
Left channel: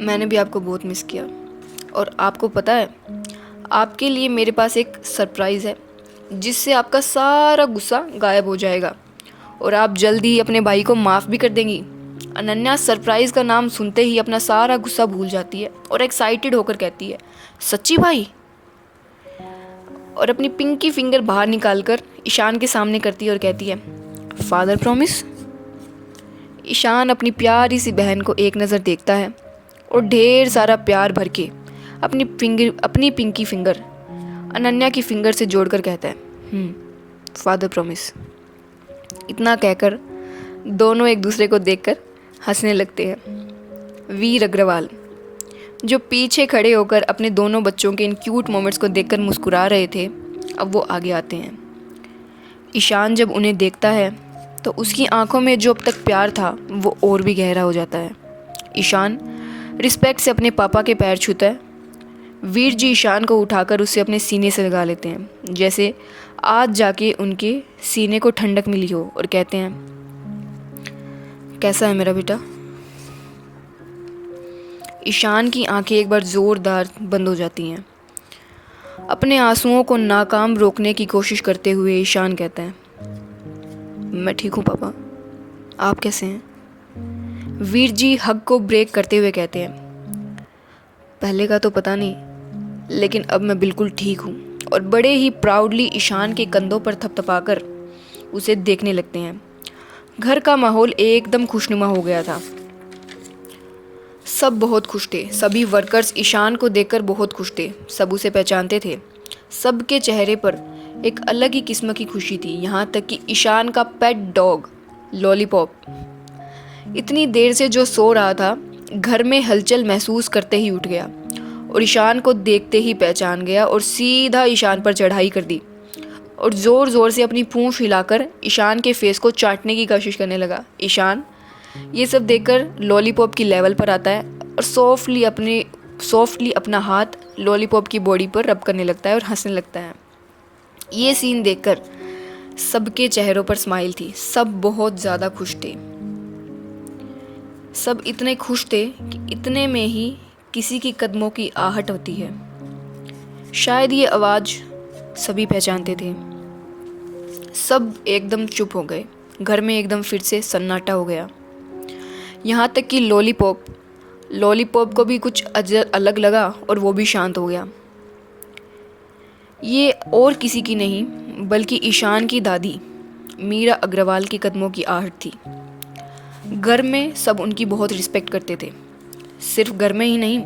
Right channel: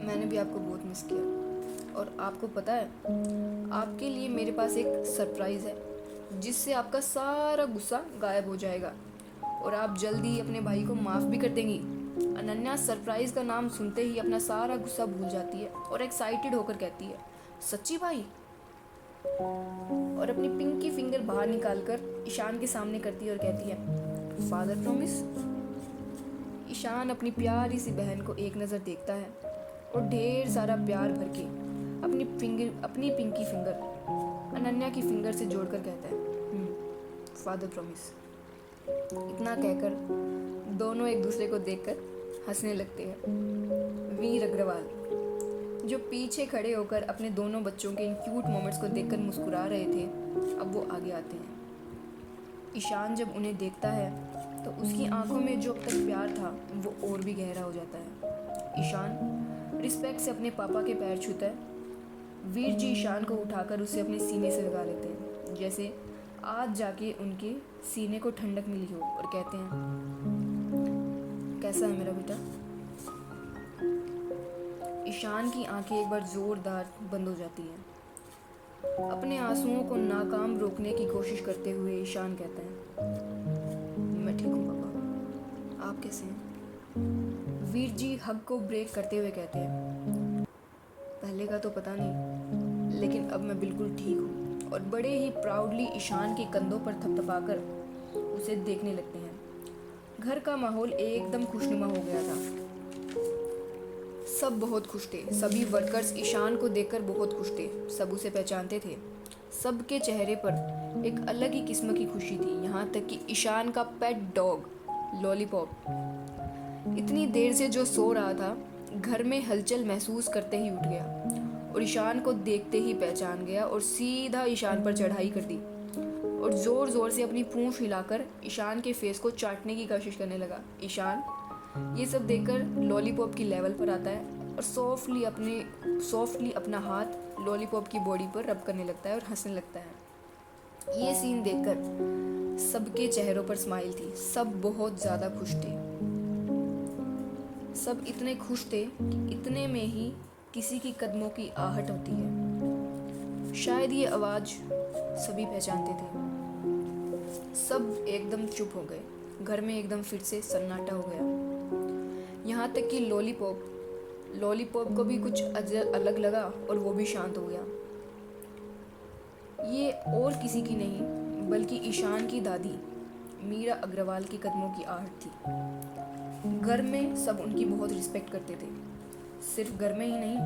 मैंने भी आपको बहुत मिस किया और आपको पता है आपके लिए मेरे पास एक सरप्राइज़ है जिससे आपका सारा गुस्सा गायब हो जाएगा और आप जल्दी ही अपने भाई को माफ़ भी कर देंगी। अनन्या सरप्राइज़ का नाम सुनते ही अपना सारा गुस्सा भूल जाती है और एक्साइटेड होकर कहती है सच्ची भाई, और अपनी पिंकी फिंगर बाहर निकालकर ईशान के सामने करती है और कहती है फादर प्रॉमिस। ईशान अपनी प्यारी सी बहन को एक नज़र देखता है और ढेर सारा प्यार भर के अपनी पिंकी फिंगर अनन्या की फिंगर से जोड़कर कहता है फादर प्रॉमिस। इतना कहकर दोनों एक दूसरे को देखकर हंसने लगते हैं। वीर अग्रवाल जो पीछे खड़े होकर अपने दोनों बच्चों के इन क्यूट मोमेंट्स को देखकर मुस्कुरा रहे थे, अब वो आगे आते हैं। ईशान जब उन्हें देखता है तो उसकी आंखों में जो अब तक प्यार था वो और भी गहरा हो जाता है। ईशान रिस्पेक्ट से अपने पापा के पैर छूता है। वीर जी ईशान को उठाकर उसे अपने सीने से लगा लेते हैं, जैसे आज जाके उनके सीने को ठंडक मिली हो, और कहते हैं कैसा है मेरा बेटा। ईशान की आंखें एक बार ज़ोरदार बंद हो जाती हैं। अपने आंसुओं को नाकाम रोकने की कोशिश करते हुए ईशान कहता है मैं ठीक हूँ पापा, आप कैसे हैं। वीर जी हग को ब्रेक करते हुए कहते हैं पहले का तो पता नहीं, लेकिन अब मैं बिल्कुल ठीक हूँ। और बड़े ही प्राउडली ईशान के कंधों पर थपथपाकर उसे देखने लगते हैं। घर का माहौल एकदम खुशनुमा हो गया था। सब बहुत खुश थे। सभी वर्कर्स ईशान को देखकर बहुत खुश थे। सब उसे पहचानते थे। सबके चेहरे पर एक अलग ही किस्म की खुशी थी, यहाँ तक कि ईशान का पेट डॉग लॉलीपॉप इतनी देर से जो सो रहा था, घर में हलचल महसूस करते ही उठ गया और ईशान को देखते ही पहचान गया और सीधा ईशान पर चढ़ाई कर दी और ज़ोर ज़ोर से अपनी पूंछ हिलाकर ईशान के फेस को चाटने की कोशिश करने लगा। ईशान ये सब देखकर लॉलीपॉप की लेवल पर आता है और सॉफ्टली अपना हाथ लॉलीपॉप की बॉडी पर रब करने लगता है और हंसने लगता है। ये सीन देखकर सबके चेहरों पर स्माइल थी। सब बहुत ज़्यादा खुश थे। सब इतने खुश थे कि इतने में ही किसी की कदमों की आहट होती है। शायद ये आवाज़ सभी पहचानते थे। सब एकदम चुप हो गए। घर में एकदम फिर से सन्नाटा हो गया। यहाँ तक कि लॉलीपॉप को भी कुछ अलग लगा और वो भी शांत हो गया। ये और किसी की नहीं बल्कि ईशान की दादी मीरा अग्रवाल के कदमों की आहट थी। घर में सब उनकी बहुत रिस्पेक्ट करते थे। सिर्फ घर में ही नहीं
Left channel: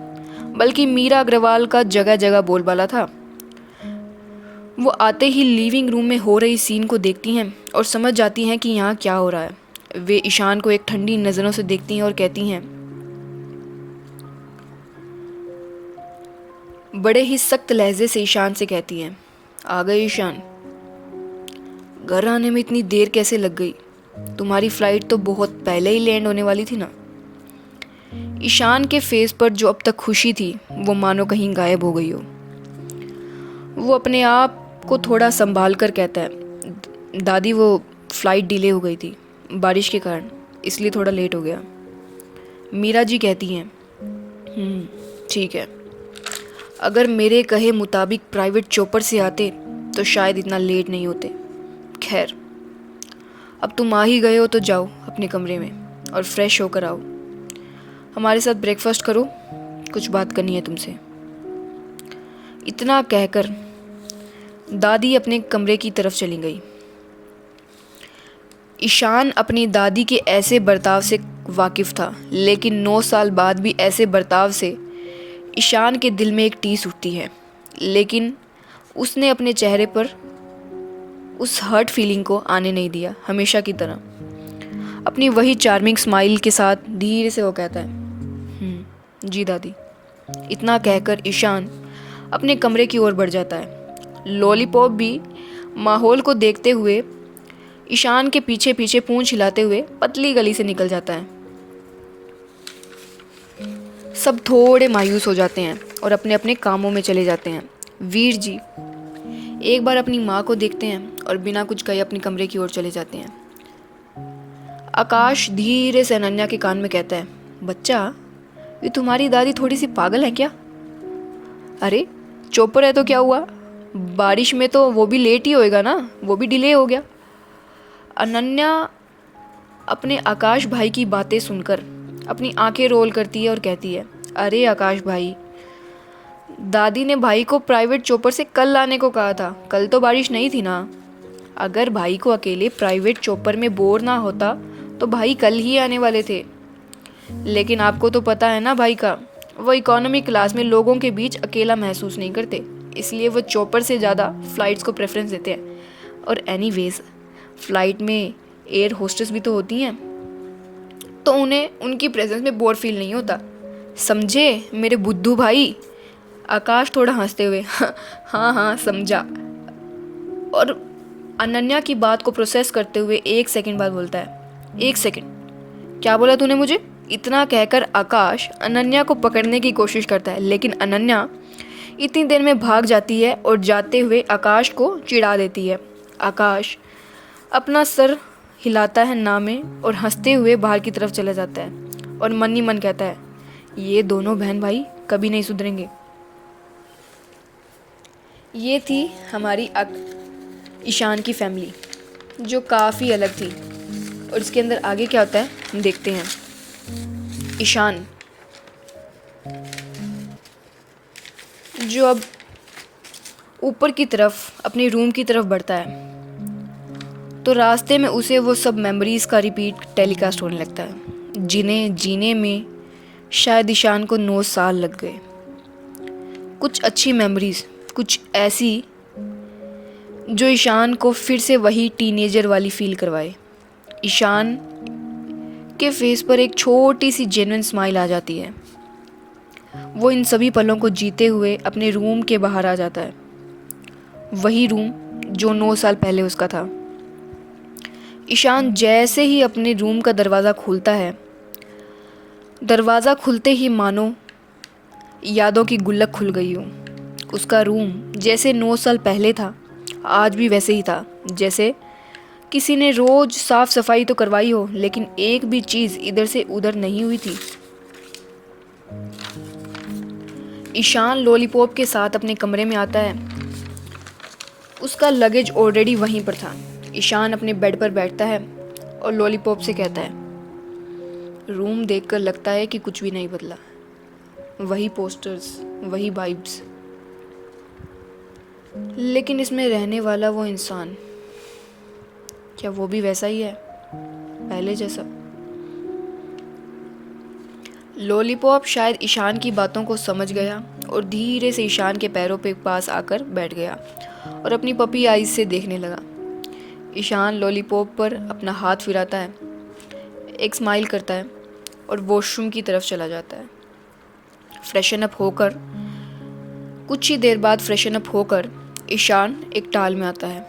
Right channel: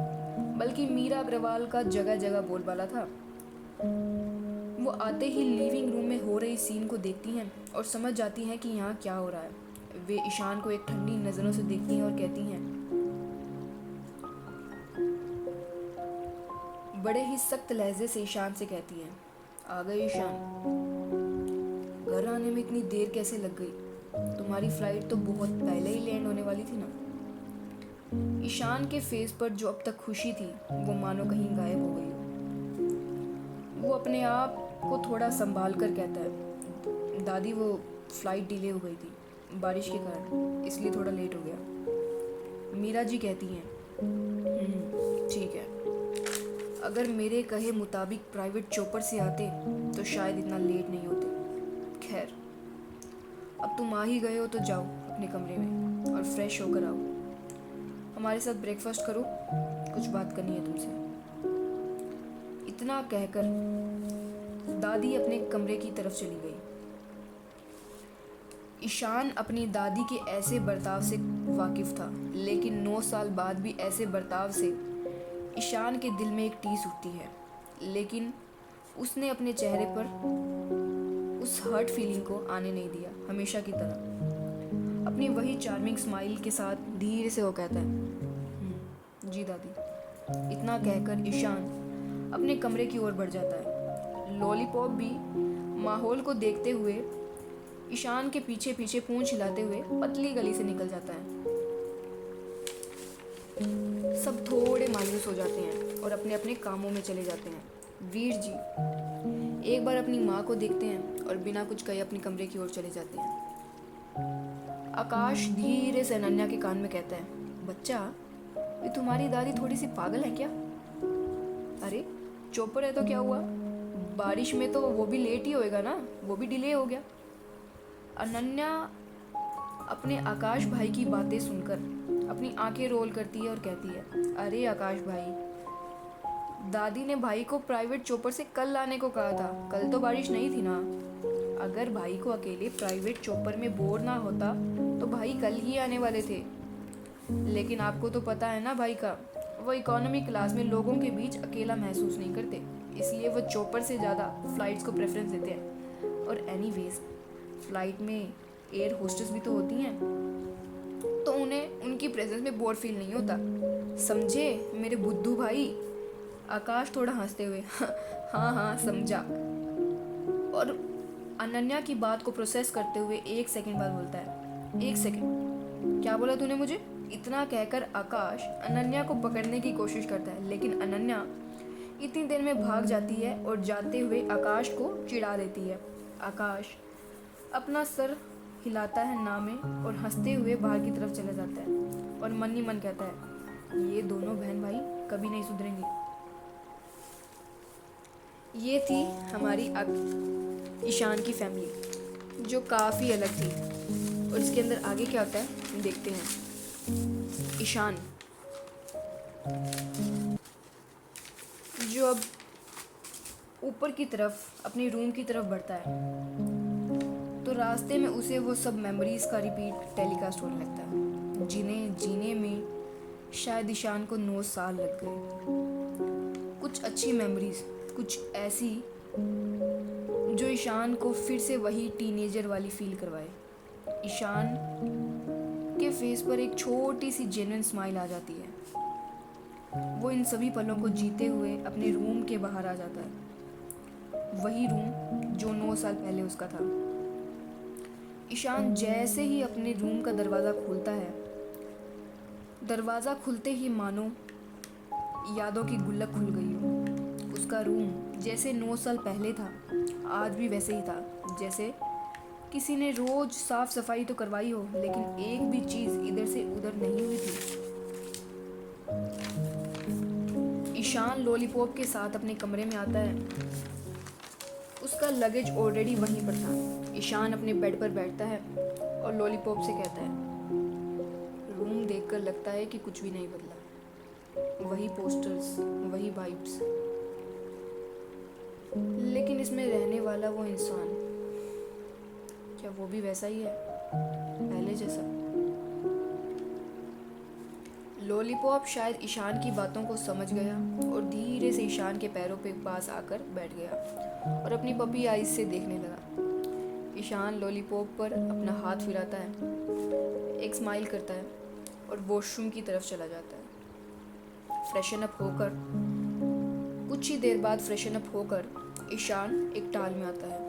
बल्कि मीरा अग्रवाल का जगह जगह बोलबाला था। वो आते ही लिविंग रूम में हो रही सीन को देखती हैं और समझ जाती हैं कि यहाँ क्या हो रहा है। वे ईशान को एक ठंडी नज़रों से देखती हैं और कहती हैं, बड़े ही सख्त लहजे से ईशान से कहती हैं, आ गए ईशान? घर आने में इतनी देर कैसे लग गई? तुम्हारी फ्लाइट तो बहुत पहले ही लैंड होने वाली थी ना। ईशान के फेस पर जो अब तक खुशी थी वो मानो कहीं गायब हो गई हो। वो अपने आप को थोड़ा संभाल कर कहता है, दादी वो फ्लाइट डिले हो गई थी बारिश के कारण, इसलिए थोड़ा लेट हो गया। मीरा जी कहती हैं, ठीक है, अगर मेरे कहे मुताबिक प्राइवेट चॉपर से आते तो शायद इतना लेट नहीं होते। खैर, अब तुम आ ही गए हो तो जाओ अपने कमरे में और फ्रेश होकर आओ। हमारे साथ ब्रेकफास्ट करो, कुछ बात करनी है तुमसे। इतना कहकर दादी अपने कमरे की तरफ चली गई। ईशान अपनी दादी के ऐसे बर्ताव से वाकिफ़ था, लेकिन 9 साल बाद भी ऐसे बर्ताव से ईशान के दिल में एक टीस उठती है। लेकिन उसने अपने चेहरे पर उस हर्ट फीलिंग को आने नहीं दिया। हमेशा की तरह अपनी वही चार्मिंग स्माइल के साथ धीरे से वो कहता है, जी दादी। इतना कहकर ईशान अपने कमरे की ओर बढ़ जाता है। लॉलीपॉप भी माहौल को देखते हुए ईशान के पीछे पीछे पूंछ हिलाते हुए पतली गली से निकल जाता है। सब थोड़े मायूस हो जाते हैं और अपने अपने कामों में चले जाते हैं। वीर जी एक बार अपनी माँ को देखते हैं और बिना कुछ कहे अपने कमरे की ओर चले जाते हैं। आकाश धीरे से अनन्या के कान में कहता है, बच्चा, ये तुम्हारी दादी थोड़ी सी पागल है क्या? अरे चॉपर है तो क्या हुआ? बारिश में तो वो भी लेट ही होएगा ना, वो भी डिले हो गया। अनन्या अपने आकाश भाई की बातें सुनकर अपनी आंखें रोल करती है और कहती है, अरे आकाश भाई, दादी ने भाई को प्राइवेट चॉपर से कल लाने को कहा था। कल तो बारिश नहीं थी ना। अगर भाई को अकेले प्राइवेट चॉपर में बोर ना होता तो भाई कल ही आने वाले थे। लेकिन आपको तो पता है ना भाई का, वो इकोनॉमी क्लास में लोगों के बीच अकेला महसूस नहीं करते, इसलिए वो चॉपर से ज़्यादा फ़्लाइट्स को प्रेफरेंस देते हैं। और एनीवेज फ़्लाइट में एयर होस्टेस भी तो होती हैं, तो उन्हें उनकी प्रेजेंस में बोर फील नहीं होता। समझे मेरे बुद्धू भाई? आकाश थोड़ा हंसते हुए हाँ समझा। और अनन्या की बात को प्रोसेस करते हुए 1 सेकंड बाद बोलता है, 1 सेकंड, क्या बोला तूने मुझे? इतना कहकर आकाश अनन्या को पकड़ने की कोशिश करता है, लेकिन अनन्या इतनी देर में भाग जाती है और जाते हुए आकाश को चिढ़ा देती है। आकाश अपना सर हिलाता है ना में और हंसते हुए बाहर की तरफ चला जाता है और मन ही मन कहता है, ये दोनों बहन भाई कभी नहीं सुधरेंगे। ये थी हमारी ईशान की फैमिली, जो काफ़ी अलग थी। और इसके अंदर आगे क्या होता है देखते हैं। ईशान जो अब ऊपर की तरफ अपने रूम की तरफ बढ़ता है, तो रास्ते में उसे वो सब मेमोरीज़ का रिपीट टेलीकास्ट होने लगता है, जिन्हें जीने में शायद ईशान को 9 साल लग गए। कुछ अच्छी मेमोरीज़, कुछ ऐसी जो ईशान को फिर से वही टीनेजर वाली फील करवाए। ईशान के फेस पर एक छोटी सी जेन्युइन स्माइल आ जाती है। वो इन सभी पलों को जीते हुए अपने रूम के बाहर आ जाता है, वही रूम जो 9 साल पहले उसका था। ईशान जैसे ही अपने रूम का दरवाज़ा खोलता है, दरवाज़ा खुलते ही मानो यादों की गुल्लक खुल गई हो। उसका रूम जैसे 9 साल पहले था, आज भी वैसे ही था। जैसे किसी ने रोज़ साफ सफाई तो करवाई हो, लेकिन एक भी चीज़ इधर से उधर नहीं हुई थी। ईशान लॉलीपॉप के साथ अपने कमरे में आता है। उसका लगेज ऑलरेडी वहीं पर था। ईशान अपने बेड पर बैठता है और लॉलीपॉप से कहता है, रूम देखकर लगता है कि कुछ भी नहीं बदला। वही पोस्टर्स, वही वाइब्स, लेकिन इसमें रहने वाला वो इंसान, क्या वो भी वैसा ही है पहले जैसा? लॉलीपॉप शायद ईशान की बातों को समझ गया और धीरे से ईशान के पैरों पे पास आकर बैठ गया और अपनी पपी आईज से देखने लगा। ईशान लॉलीपॉप पर अपना हाथ फिराता है, एक स्माइल करता है और वॉशरूम की तरफ चला जाता है। फ्रेशन अप होकर कुछ ही देर बाद ईशान एक टाल में आता है।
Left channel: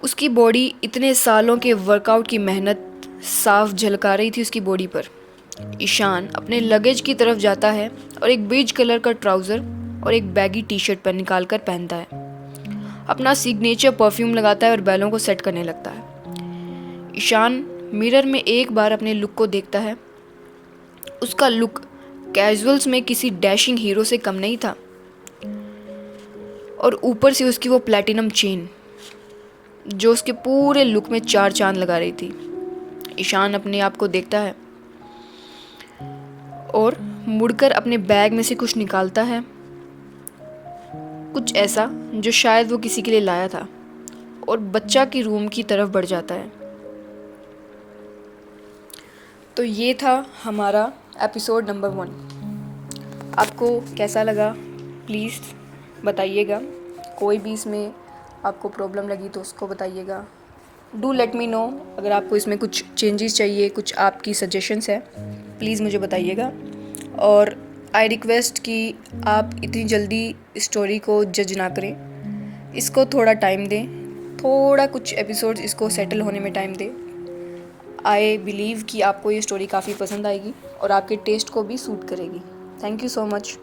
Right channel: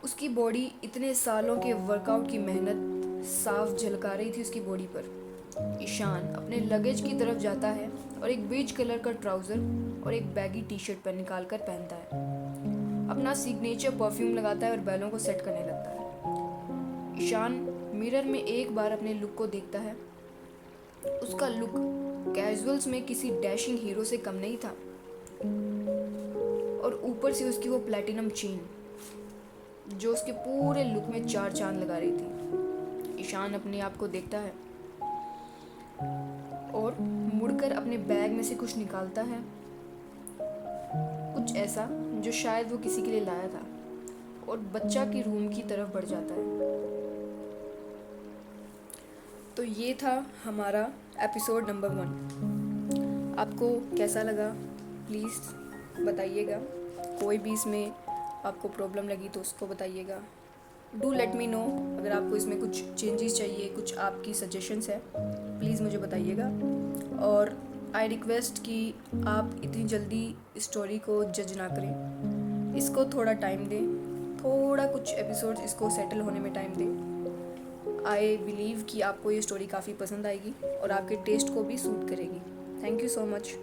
उसकी बॉडी इतने सालों के वर्कआउट की मेहनत साफ झलका रही थी उसकी बॉडी पर। ईशान अपने लगेज की तरफ जाता है और एक बेज कलर का ट्राउज़र और एक बैगी टी शर्ट पर निकाल कर पहनता है। अपना सिग्नेचर परफ्यूम लगाता है और बैलों को सेट करने लगता है। ईशान मिरर में एक बार अपने लुक को देखता है। उसका लुक कैजुअल्स में किसी डैशिंग हीरो से कम नहीं था, और ऊपर से उसकी वो प्लैटिनम चेन जो उसके पूरे लुक में 4 चांद लगा रही थी। ईशान अपने आप को देखता है और मुड़कर अपने बैग में से कुछ निकालता है, कुछ ऐसा जो शायद वो किसी के लिए लाया था, और बच्चा की रूम की तरफ बढ़ जाता है। तो ये था हमारा एपिसोड नंबर 1। आपको कैसा लगा प्लीज़ बताइएगा। कोई भी इसमें आपको प्रॉब्लम लगी तो उसको बताइएगा। डू लेट मी नो अगर आपको इसमें कुछ चेंजेस चाहिए, कुछ आपकी सजेशंस है, प्लीज़ मुझे बताइएगा। और आई रिक्वेस्ट कि आप इतनी जल्दी स्टोरी को जज ना करें, इसको थोड़ा टाइम दें, थोड़ा कुछ एपिसोड्स इसको सेटल होने में टाइम दें। आई बिलीव कि आपको ये स्टोरी काफ़ी पसंद आएगी और आपके टेस्ट को भी सूट करेगी। Thank you so much.